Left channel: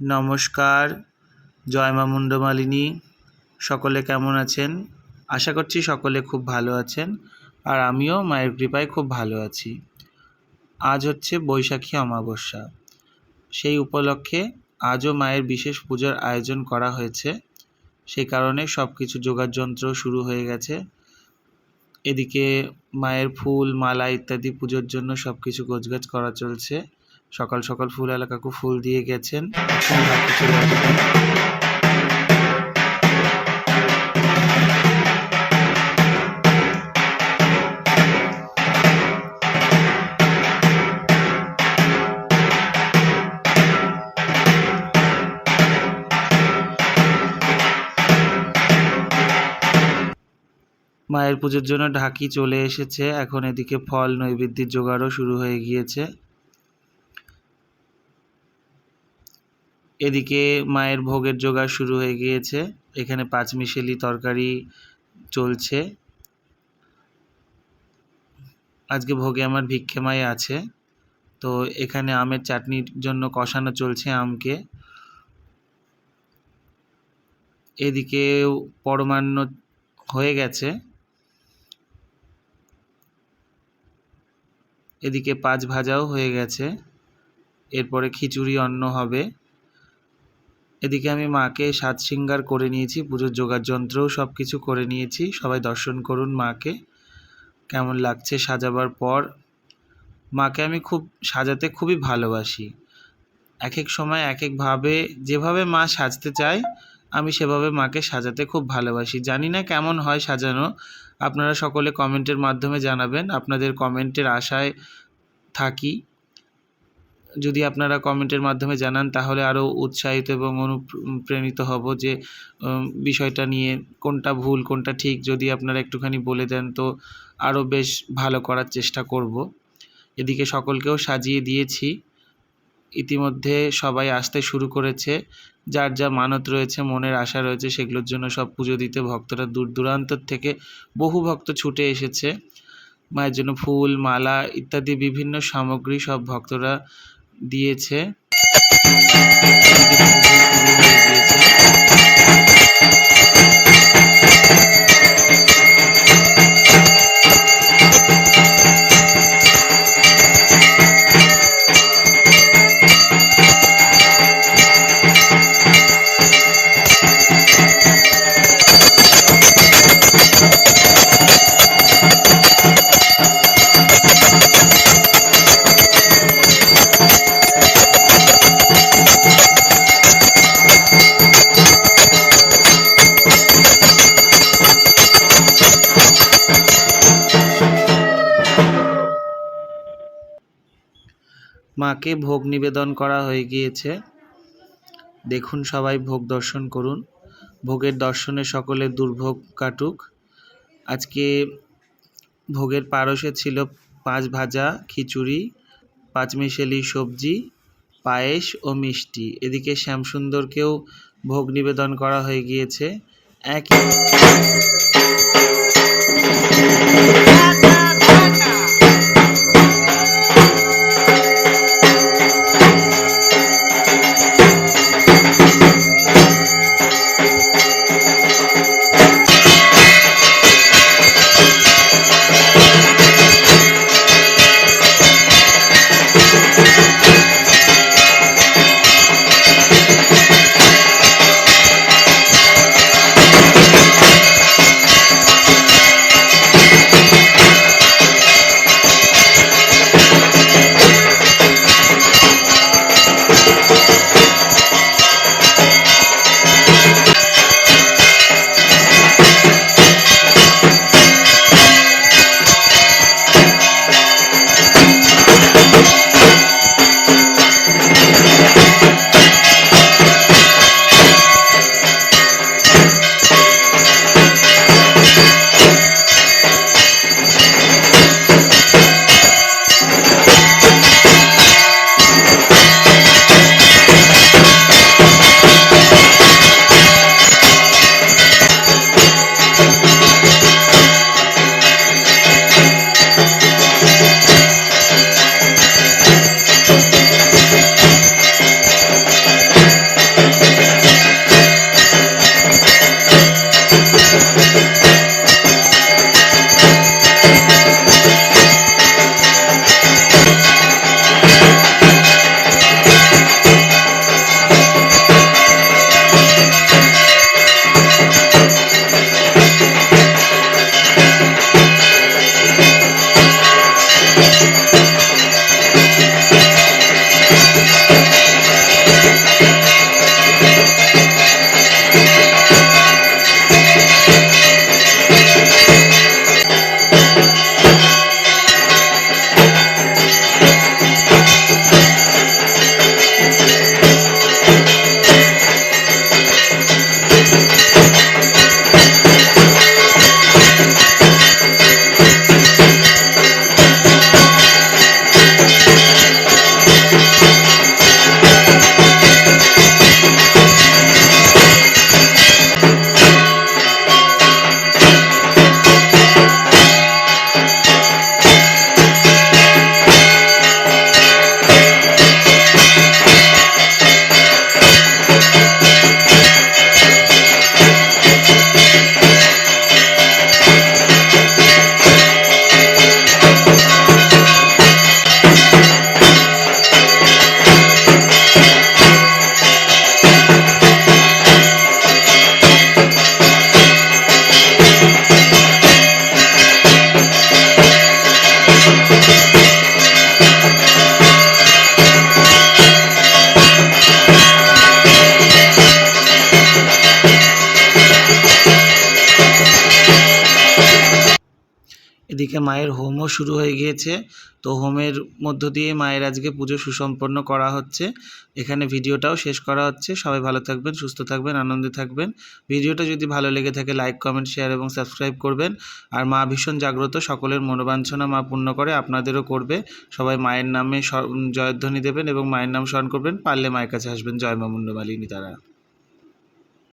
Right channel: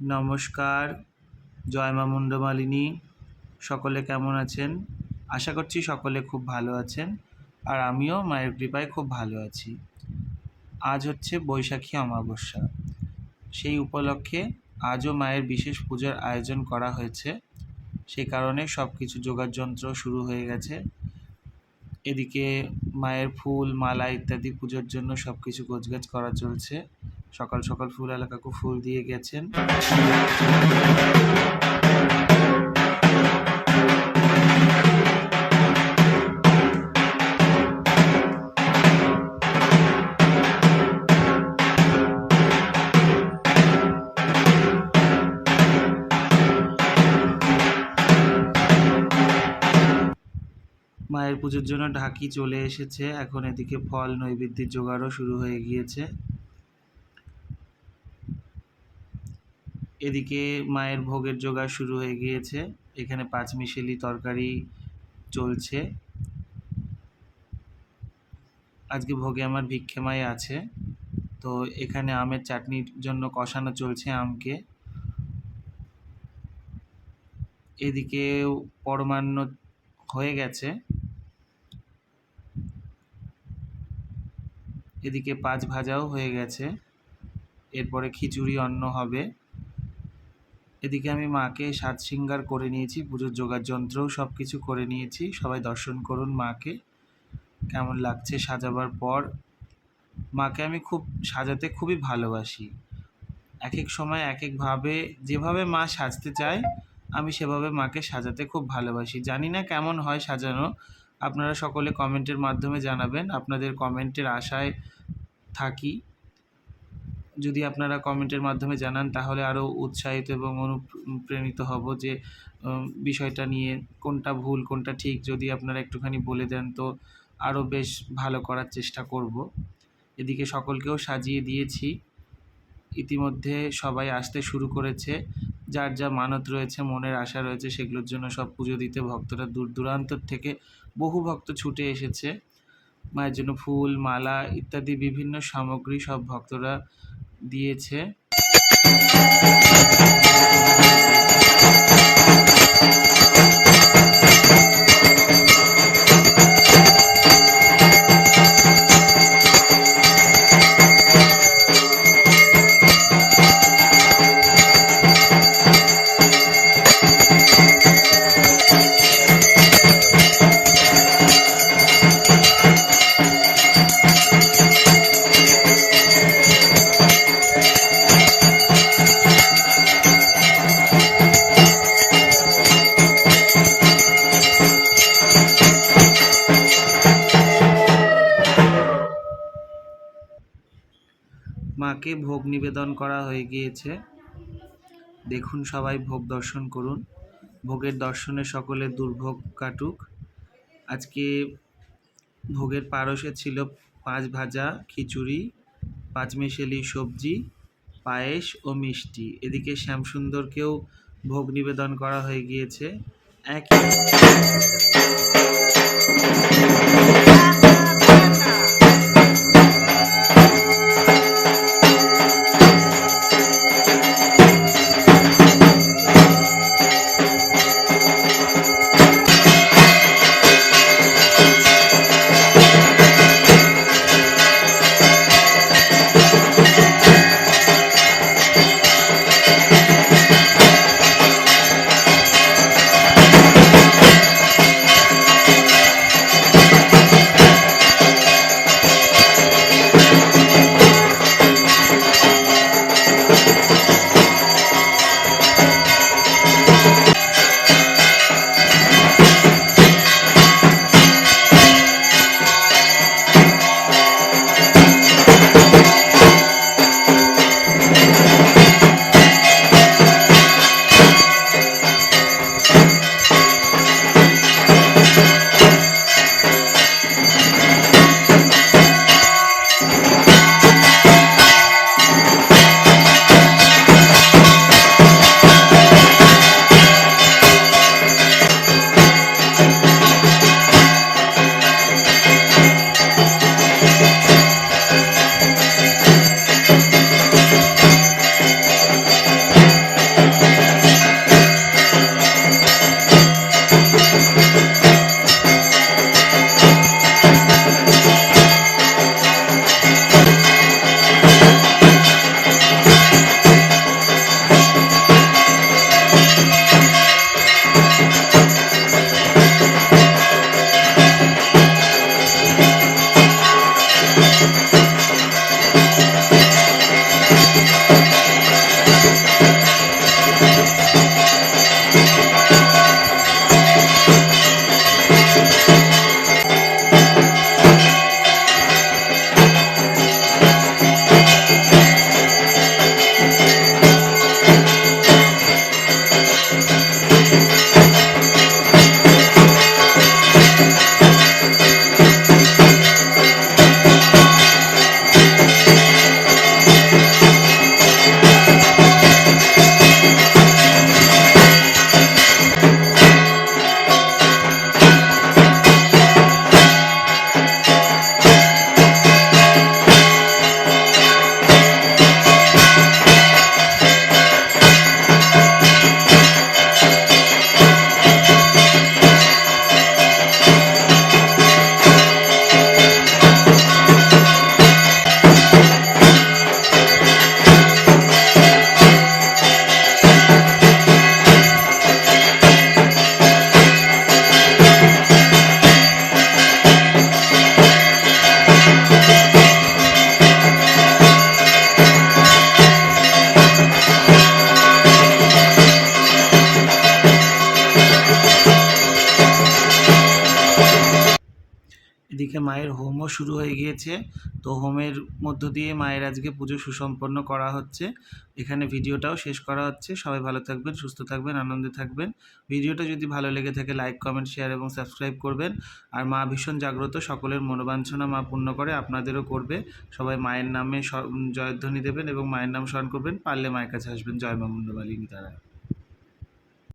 নমস্কার, জয় মা মুন্ডমালিনী। সকলে কেমন আছেন? আশা করছি সকলে খুব ভালো আছেন, আর আমিও মায়ের কৃপায় খুব ভালো আছি। আজ হচ্ছে বৈশাখী অমাবস্যা। সেই উপলক্ষে আজও মায়ের বিশেষ পূজার আয়োজন করা হয়েছে। সেই কারণে সব কিছু যোগাড়যন্ত্র শুরু হয়ে গেছে। এদিকে মায়ের ফুল, মালা ইত্যাদি পুজোর জন্য সব কিছু গোছগাছ করা চলছে। সকাল সকাল ফুলওয়ালা কাকু ফুল দিয়ে গেছেন। মায়ের পুজোর জন্য ঢাকি চলে এসেছে। এখন এদিকে ফল নৈবেদ্যের জোগাড়ও শুরু হয়ে গিয়েছে। এদিকে মায়ের ভোগের জোগাড় শুরু হয়ে গিয়েছে। এখানে পাঁচমিশেলি তরকারি চলছে। আজকে ভোগে আমার ভিক্ষেমাই আছে। তো এখানে আমের চাটনির জন্য কষানো চলছে আমকে। এদিকে পরমান্ন হয়ে গেছে। এদিকে পাঁচ ভাজাও হয়ে গেছে। এরপরে খিচুড়ি অন্ন হবে। এদিকে আমি মাকে সাত শৃঙ্গার করে নিয়েছি, পুজোর যোগাড়যন্ত্রও সব কিছু করে নিয়েছি। সবাই দর্শন করুন মাকে, কেমন লাগছে সাজাবার পর। মাকে আমি সাজাতে খুবই ভালোবাসি। এক এক সময় এক একভাবে, যেভাবে মা সাজতে চায় আমি সেভাবে মাকে সাজাতে খুব ভালোবাসি। জানি না কেমন হয় সাজানো, আপনারা সকলে কমেন্টের মাধ্যমে জানাবেন। আপনাদের কমেন্টের আশায় থাকি। যদি আপনারা কমেন্টের মাধ্যমে জানান তাহলে আরও উৎসাহিত এবং অনুপ্রাণিত হব যে বিষয়টা নিয়ে কোনটা ভুল কোনটা ঠিক যদি আপনারা একটুখানি বলে দেন তো আরও বেশ ভালো করার চেষ্টা করব। এদিকে সকলকেও সাজিয়ে দিয়েছি। ইতিমধ্যে সবাই আসতে শুরু করেছে। যার যা মানত রয়েছে, মনের আশা রয়েছে, সেগুলোর জন্য সব পুজো দিতে ভক্তরা দূর দূরান্তর থেকে বহু ভক্ত ছুটে এসেছে। মায়ের জন্য ফুল, মালা ইত্যাদি বিভিন্ন সামগ্রী সব ভক্তরা দিয়েছে। মাকে ভোগ নিবেদন করা হয়ে গিয়েছে। দেখুন, সবাই ভোগ দর্শন করুন। ভোগের দর্শনে সকলের দুর্ভোগ কাটুক। আজকে ভোগের পারসে ছিল পাঁচ ভাজা, খিচুড়ি, পাঁচমিশেলি সবজি, পায়েস ও মিষ্টি। এদিকে শ্যামসুন্দরকেও ভোগ নিবেদন করা হয়ে গিয়েছে। একই এদিকে মায়ের হোমও শুরু হয়ে গিয়েছে। তো হোমের মধ্য দিয়ে মায়ের আজকে পুজো সুসম্পন্ন করা হচ্ছে। এখানে ভিডিওটাও শেষ করা হচ্ছে। সবাই ভালো থাকবেন, সুস্থ থাকবেন, আনন্দে থাকবেন। ভিডিওটা যদি ভালো লেগে থাকে লাইক, কমেন্ট, শেয়ার এবং সাবস্ক্রাইব করবেন। আর মা ভীষণ জাগ্রত, সকলের মনোবাঞ্ছনা মা পূর্ণ করে, আপনাদেরও করবে। সবাই মায়ের নামে জয়ধ্বনি দেবেন এবং মায়ের নাম স্মরণ করবেন। পারলে মায়ের কাছে আসবেন। জয় মা মুন্ডমালিনী তারা।